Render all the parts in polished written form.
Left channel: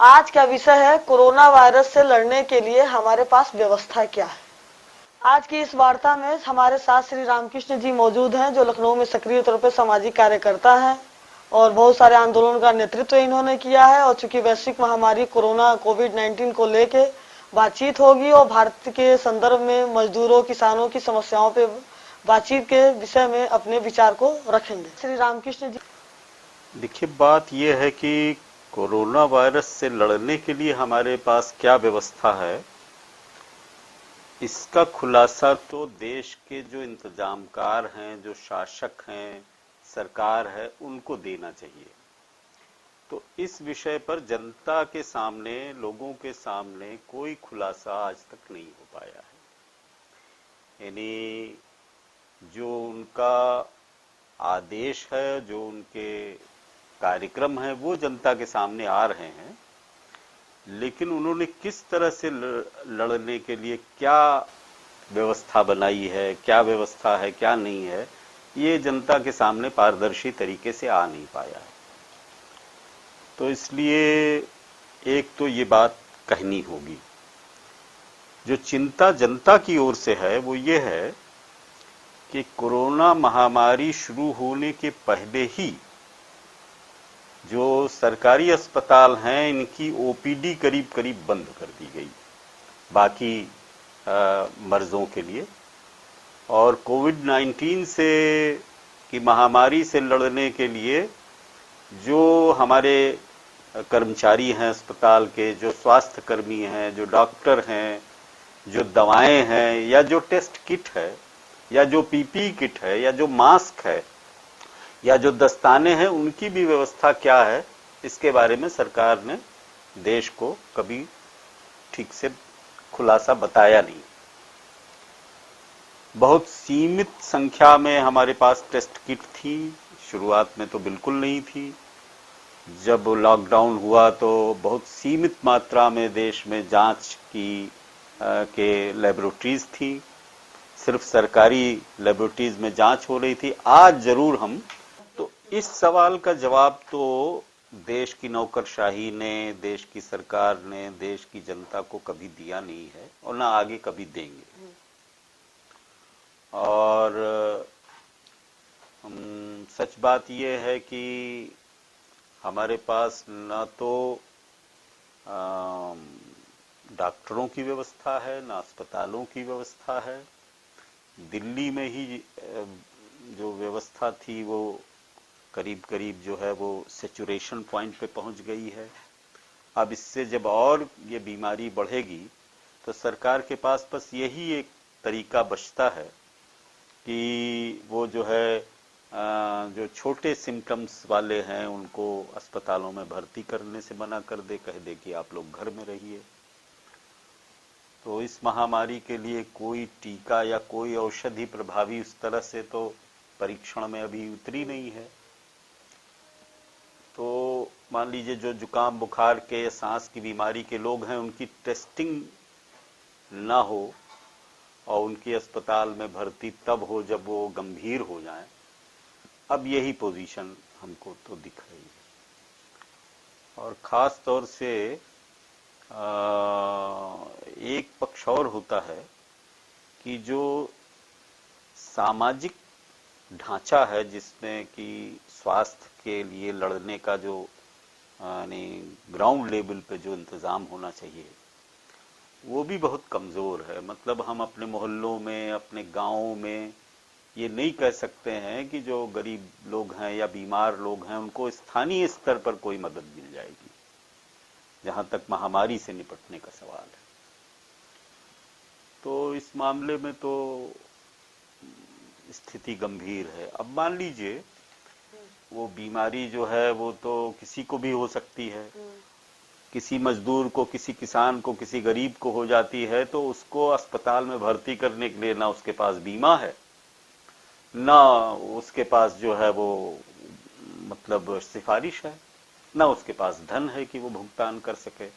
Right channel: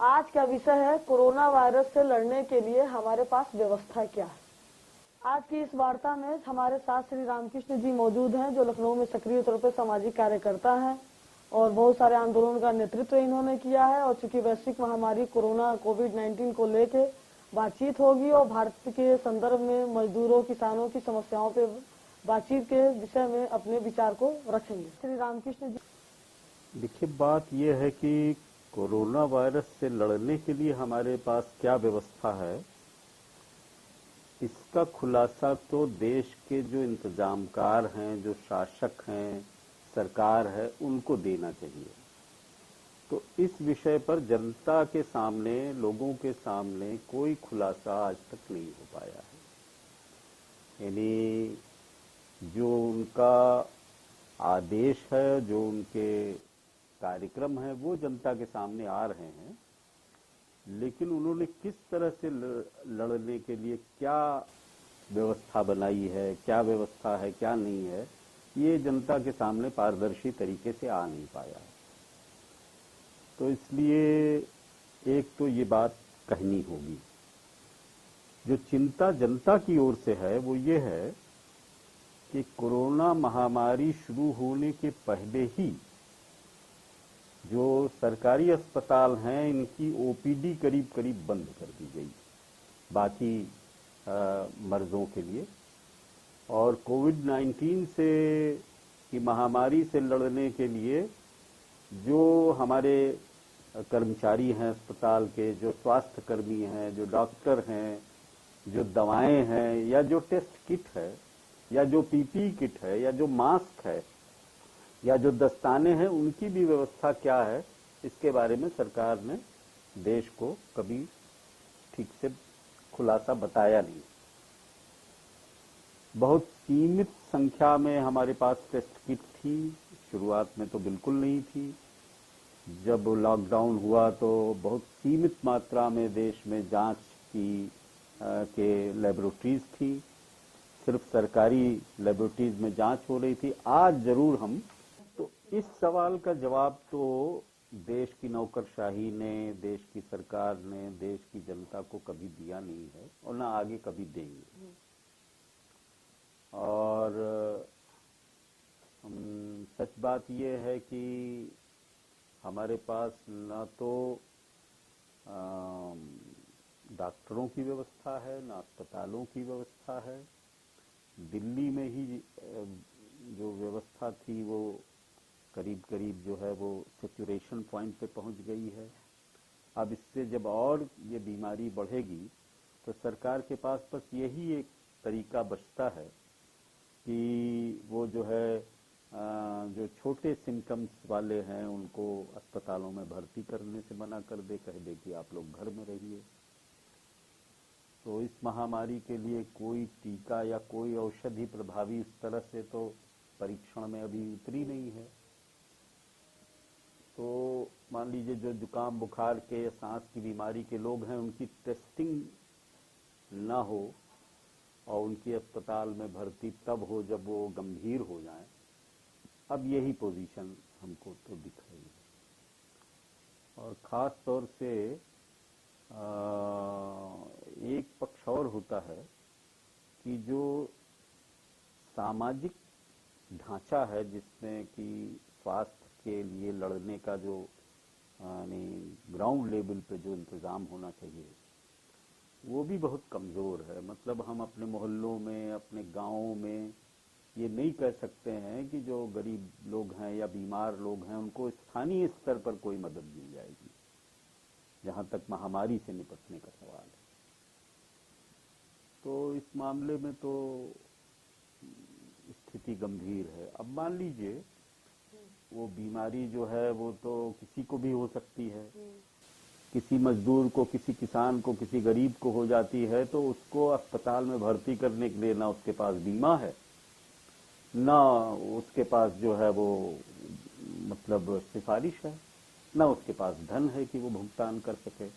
आज का विषय है कोरोना वायरस से लड़ने के लिए हमारे पास व्यवस्था क्या है। आज की इस वार्ता में हमारे साथ श्री रामकृष्ण जी मौजूद हैं, जो लखनऊ में सक्रिय तौर पर सामाजिक कार्यकर्ता हैं और बहुत सारे आंदोलन का नेतृत्व इन्होंने किया है। और चूंकि वैश्विक महामारी कोरोना कोविड-19 को लेके बातचीत होगी और भारत के संदर्भ में मजदूरों किसानों की समस्याओं पे बातचीत के विषय में अपने विचार को रखेंगे। श्री रामकृष्ण जी। देखिए, बात यह है कि कोरोना वायरस से लड़ने के लिए हमारे पास क्या व्यवस्था है, इसका खुलासा तो देश के जो इंतजामकार हैं, जो शासक हैं, सरकार है, उनको देना चाहिए। तो इस विषय पर जनता के सामने, लोगों के सामने कोई खुलासा आज तक नहीं हो पाया है। यानी जो उनका आदेश है, जो उनके कार्यक्रम है, वो जनता के सामने आ रहे हैं, लेकिन उन्होंने किस तरह से लड़ने के लिए क्या व्यवस्था बनाई है, क्या व्यवस्था है, क्या नहीं है, ये जनता के सामने पारदर्शी तरीके से आ नहीं पाया है। तो इसलिए एक तो ये बात कहनी होगी। जो चिंता जनता की ओर से है वो ये है कि कोरोना महामारी शुरू होने के पहले ही जो सरकारी अस्पताल हैं, इनकी ओपीडी करीब करीब बंद कर दी गई बाकी मर्जों के लिए। और कोविड-19 से की महामारी से लड़ने के लिए जो हमारे कर्मचारी हैं अस्पताल के, जो स्वास्थ्य कर्मी हैं, जो डॉक्टर हैं, जो दवाएं हैं, या जो टेस्ट किट है, या जो पीपीई किट है, या जो मास्क है, या जो दस्ताने हैं, उनकी भी व्यवस्था क्या है, इसके बारे में सरकार ने देश को कभी ठीक से खुलासा बताया नहीं। बहुत सीमित संख्या में हमारे पास टेस्ट किट थी, शुरुआत में तो बिल्कुल नहीं थी। जब लॉकडाउन हुआ तो बहुत सीमित मात्रा में देश में जांच के लेबोरेटरीज थी, सिर्फ सरकारी लेबोरेटरीज में जांच हो रही थी। आज जरूर हम तो इस सवाल का जवाब तो देश की नौकरशाही ने, देश की सरकार ने, देश की जनता को कभी दिया नहीं है और ना आगे कभी देंगे। और सच बात यह है कि हमारे पास ना तो डॉक्टरों की व्यवस्था है, ना अस्पतालों की व्यवस्था है। दिल्ली में ही जो व्यवस्था थी वो करीब करीब जो है वो सैचुरेशन पॉइंट पे पहुंच गई है। अब इससे जब और ये बीमारी बढ़ेगी तो सरकार के पास बस यही एक तरीका बचता है कि वो जो है जो छोटे सिम्टम्स वाले हैं उनको अस्पतालों में भर्ती करने से मना कर दे, कह दे कि आप लोग घर में रहिए। तो इस महामारी के लिए कोई टीका या कोई औषधि प्रभावी उस तरह से तो परीक्षण में अभी उतरी नहीं है। तो मान लीजिए जो जुकाम बुखार के, सांस की बीमारी के लोग हैं, उनकी टेस्टिंग ना हो और उनकी अस्पताल में भर्ती तब हो जब वो गंभीर हो जाएं। अब यही पोजीशन हमको तो दिख रही है। और खास तौर से एक पक्ष और होता है कि जो सामाजिक ढांचा है, जिसमें कि स्वास्थ्य के लिए लड़ने का जो यानी ग्राउंड लेवल पे जो इंतजाम होना चाहिए, वो भी बहुत कमजोर है। मतलब हम अपने मोहल्लों में, अपने गांवों में ये नहीं कह सकते हैं कि जो गरीब लोग हैं या बीमार लोग हैं उनको स्थानीय स्तर पर कोई मदद मिल जाएगी, जहां तक महामारी से निपटने का सवाल है। तो इस मामले में तो स्थिति गंभीर है। अब मान लीजिए वो बीमारी जो है वो तो किसी को भी हो सकती है, किसी मजदूर को, किसी किसान को, किसी गरीब को हो जाती है, तो उसको अस्पताल में भर्ती करने के लिए ना उसके पास बीमा है, ना उसके पास जो है वो मतलब सिफारिश है, ना उसके पास धन है कि वो भुगतान कर सके।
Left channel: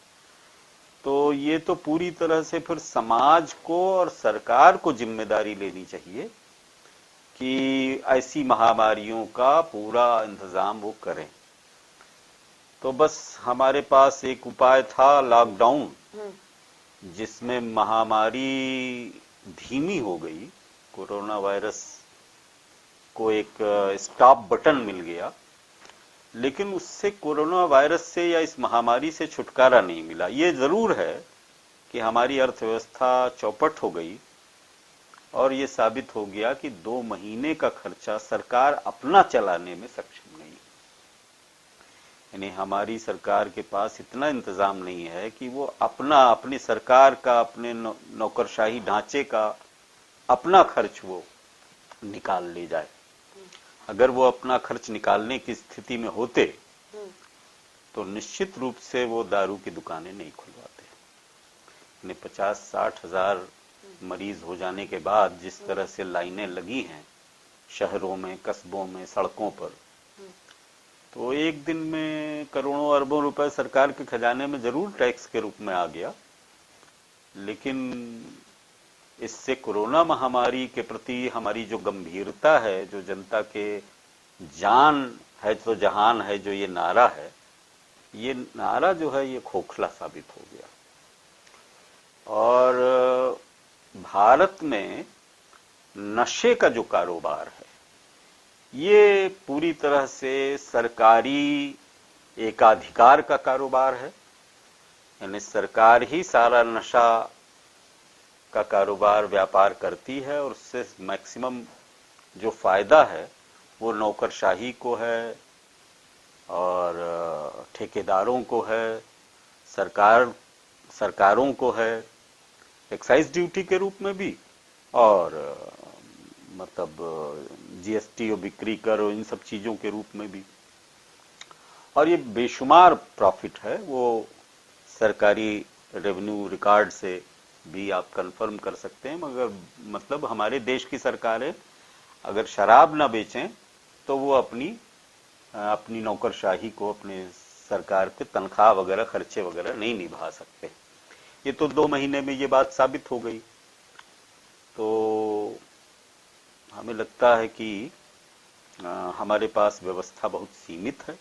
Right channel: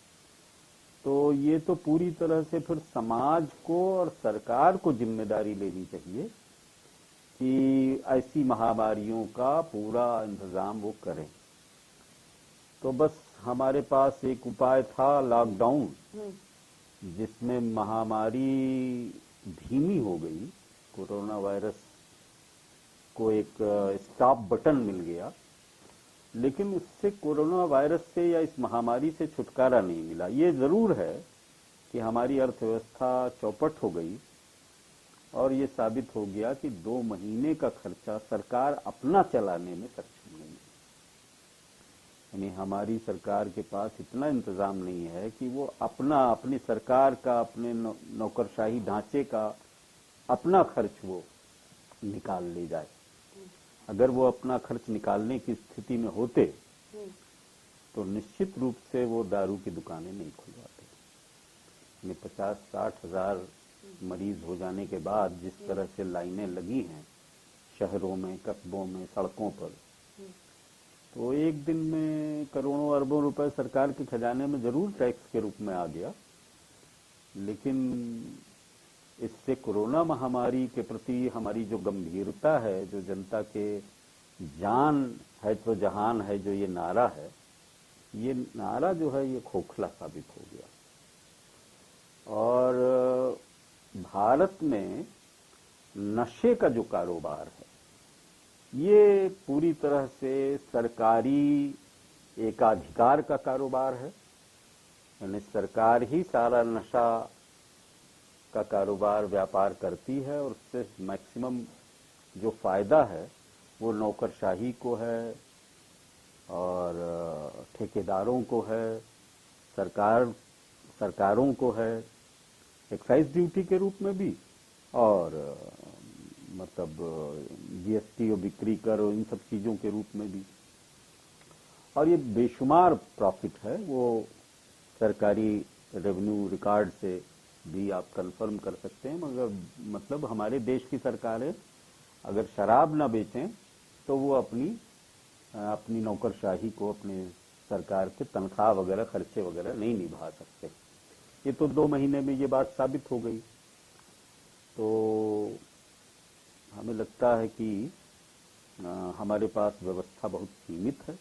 तो ये तो पूरी तरह से फिर समाज को और सरकार को जिम्मेदारी लेनी चाहिए कि ऐसी महामारियों का पूरा इंतजाम वो करें। तो बस हमारे पास एक उपाय था, लॉकडाउन, जिसमें महामारी धीमी हो गई, कोरोना वायरस को एक स्टॉप बटन मिल गया, लेकिन उससे कोरोना वायरस से या इस महामारी से छुटकारा नहीं मिला। ये जरूर है कि हमारी अर्थव्यवस्था चौपट हो गई और ये साबित हो गया कि 2 महीने का खर्चा सरकार अपना चलाने में सक्षम नहीं है। यानी हमारी सरकार के पास इतना इंतजाम नहीं है कि वो अपनी सरकार का, अपने नौकरशाही ढांचे का अपना खर्च वो निकाल ले जाए। अगर वो अपना खर्च निकालने की स्थिति में होते तो निश्चित रूप से वो दारू की दुकानें नहीं खुलवाते। यानी 50-60 हजार मरीज हो जाने के बाद जिस तरह से लाइनें लगी हैं शहरों में, कस्बों में, सड़कों पर, तो एक दिन में करोड़ों अरबों रुपए सरकार के खजाने में जरूर टैक्स के रूप में आ गया। लेकिन इससे कोरोना महामारी के प्रति हमारी जो गंभीरता है, जो जनता के जान है तो जहान है, जो ये नारा है, ये नारा जो है ये खोखला साबित हो गया। और भारत में नशे का जो कारोबार है ये पूरी तरह से सरकारी एकाधिकार का कारोबार है। यानी सरकार ही सारा नशा का कारोबार, व्यापार करती है और उससे मैक्सिमम जो फायदा है वो नौकरशाही को है और ठेकेदारों को है, सरकारों को है, एक्साइज ड्यूटी के रूप में भी, और मतलब जीएसटी और बिक्री कर और इन सब चीजों के रूप में भी। और ये बेशुमार प्रॉफिट है, वो सरकारी रेवेन्यू रिकॉर्ड से भी आप कंफर्म कर सकते हैं। मगर मतलब हमारे देश की सरकारें अगर शराब ना बेचें तो वो अपनी नौकरशाही को, अपने सरकार के तनख्वाह वगैरह, खर्चे वगैरह नहीं निभा सकते। ये तो 2 महीने में ये बात साबित हो गई। तो हमें लगता है कि हमारे पास व्यवस्था बहुत सीमित है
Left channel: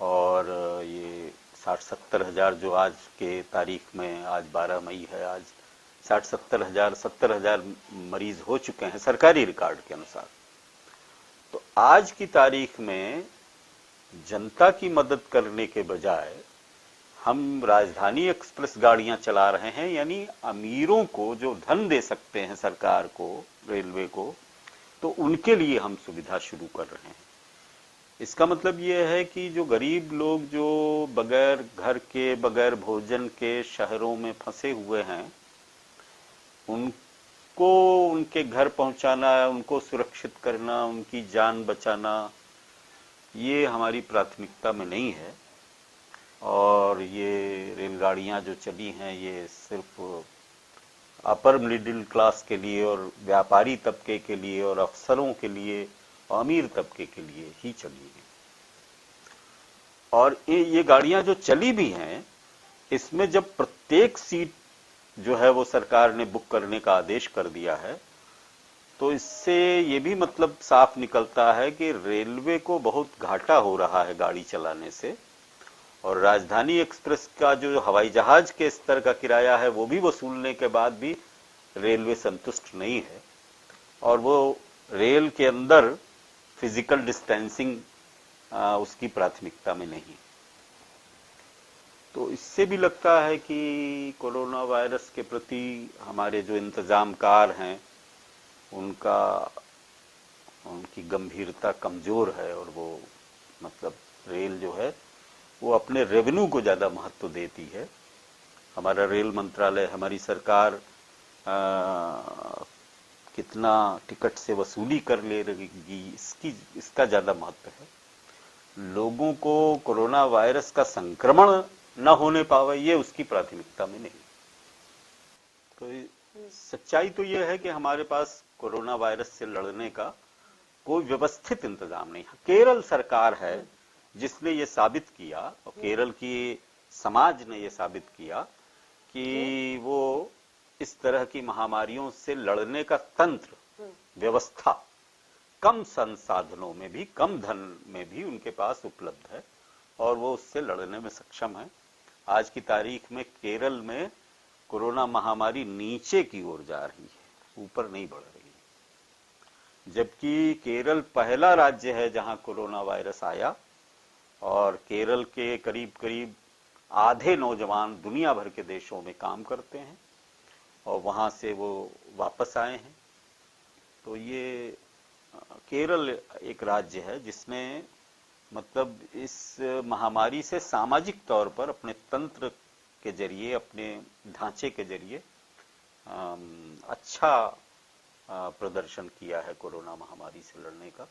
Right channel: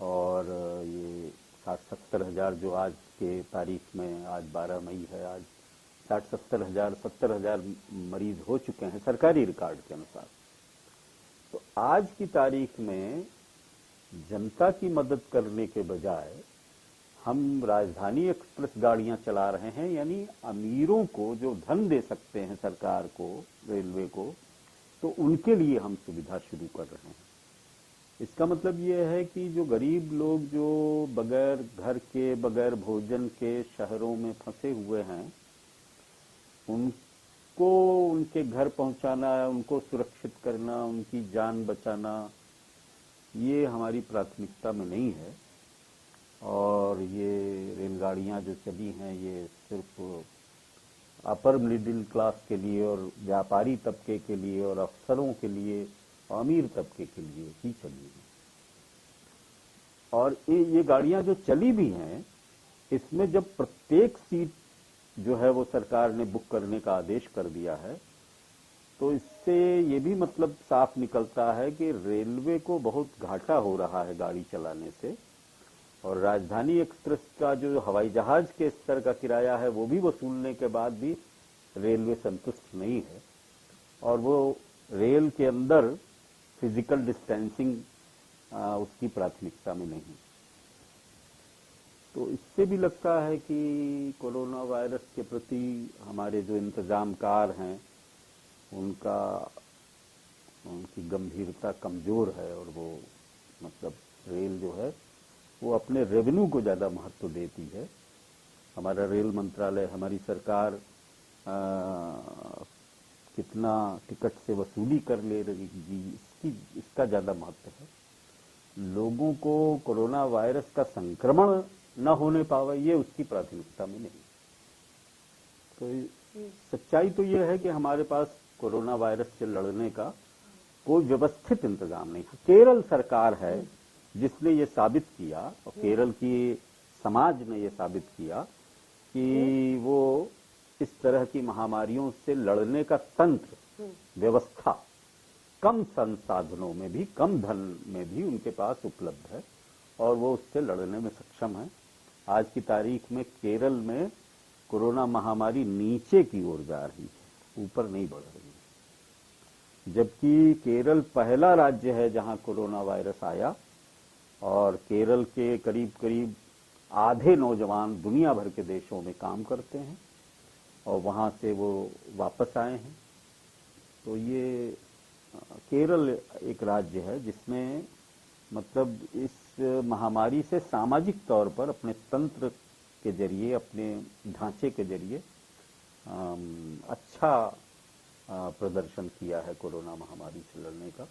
और ये 60-70 हजार जो आज के तारीख में, आज 12 मई है, आज 70 हजार मरीज हो चुके हैं सरकारी रिकॉर्ड के अनुसार। तो आज की तारीख में जनता की मदद करने के बजाय हम राजधानी एक्सप्रेस गाड़ियां चला रहे हैं। यानी अमीरों को जो धन दे सकते हैं सरकार को, रेलवे को, तो उनके लिए हम सुविधा शुरू कर रहे हैं। इसका मतलब यह है कि जो गरीब लोग जो बगैर घर के, बगैर भोजन के शहरों में फंसे हुए हैं, उनको उनके घर पहुंचाना, उनको सुरक्षित करना, उनकी जान बचाना, ये हमारी प्राथमिकता में नहीं है। और ये रेलगाड़ियां जो चली हैं ये सिर्फ अपर मिडिल क्लास के लिए और व्यापारी तबके के लिए और अफसरों के लिए, अमीर तबके के लिए ही चली है। और ये गाड़ियां जो चली भी हैं, इसमें जब प्रत्येक सीट जो है वो सरकार ने बुक करने का आदेश कर दिया है, तो इससे ये भी मतलब साफ निकलता है कि रेलवे को बहुत घाटा हो रहा है गाड़ी चलाने से। और राजधानी एक्सप्रेस का जो हवाई जहाज के स्तर का किराया है वो भी वसूलने के बाद भी रेलवे संतुष्ट नहीं है। और वो रेल के अंदर फिजिकल डिस्टेंसिंग उसकी प्राथमिकता में नहीं। तो इससे भी लगता है कि कोरोना वायरस के प्रति हमारे जो इंतजामकार हैं उनकी गंभीरता कमजोर है। और वो मतलब रेल जो है वो अपने रेवेन्यू को ज्यादा महत्व देती है। हमारा रेल मंत्रालय, हमारी सरकार कितना टिकट से वसूली कर ले रही इसका ज्यादा महत्व है। लोगों को कोरोना वायरस का संक्रमण न होने पावे ये उसकी प्राथमिकता में नहीं। तो सच्चाई तो यह है कि हमारे पास कोरोना वायरस से लड़ने का कोई व्यवस्थित इंतजाम नहीं है। केरल सरकार है जिसने ये साबित किया, और केरल की समाज ने ये साबित किया कि वो इस तरह की महामारियों से लड़ने का तंत्र, व्यवस्था कम संसाधनों में भी, कम धन में भी उनके पास उपलब्ध है। और वो उससे लड़ने में सक्षम है। आज की तारीख में केरल में कोरोना महामारी नीचे की ओर जा रही है, ऊपर नहीं बढ़ रही है। जबकि केरल पहला राज्य है जहां कोरोना वायरस आया और केरल के करीब करीब आधे नौजवान दुनिया भर के देशों में काम करते हैं और वहां से वो वापस आए हैं। तो ये केरल एक राज्य है जिसने मतलब इस महामारी से सामाजिक तौर पर अपने तंत्र के जरिए, अपने ढांचे के जरिए अच्छा प्रदर्शन किया है कोरोना महामारी से लड़ने का।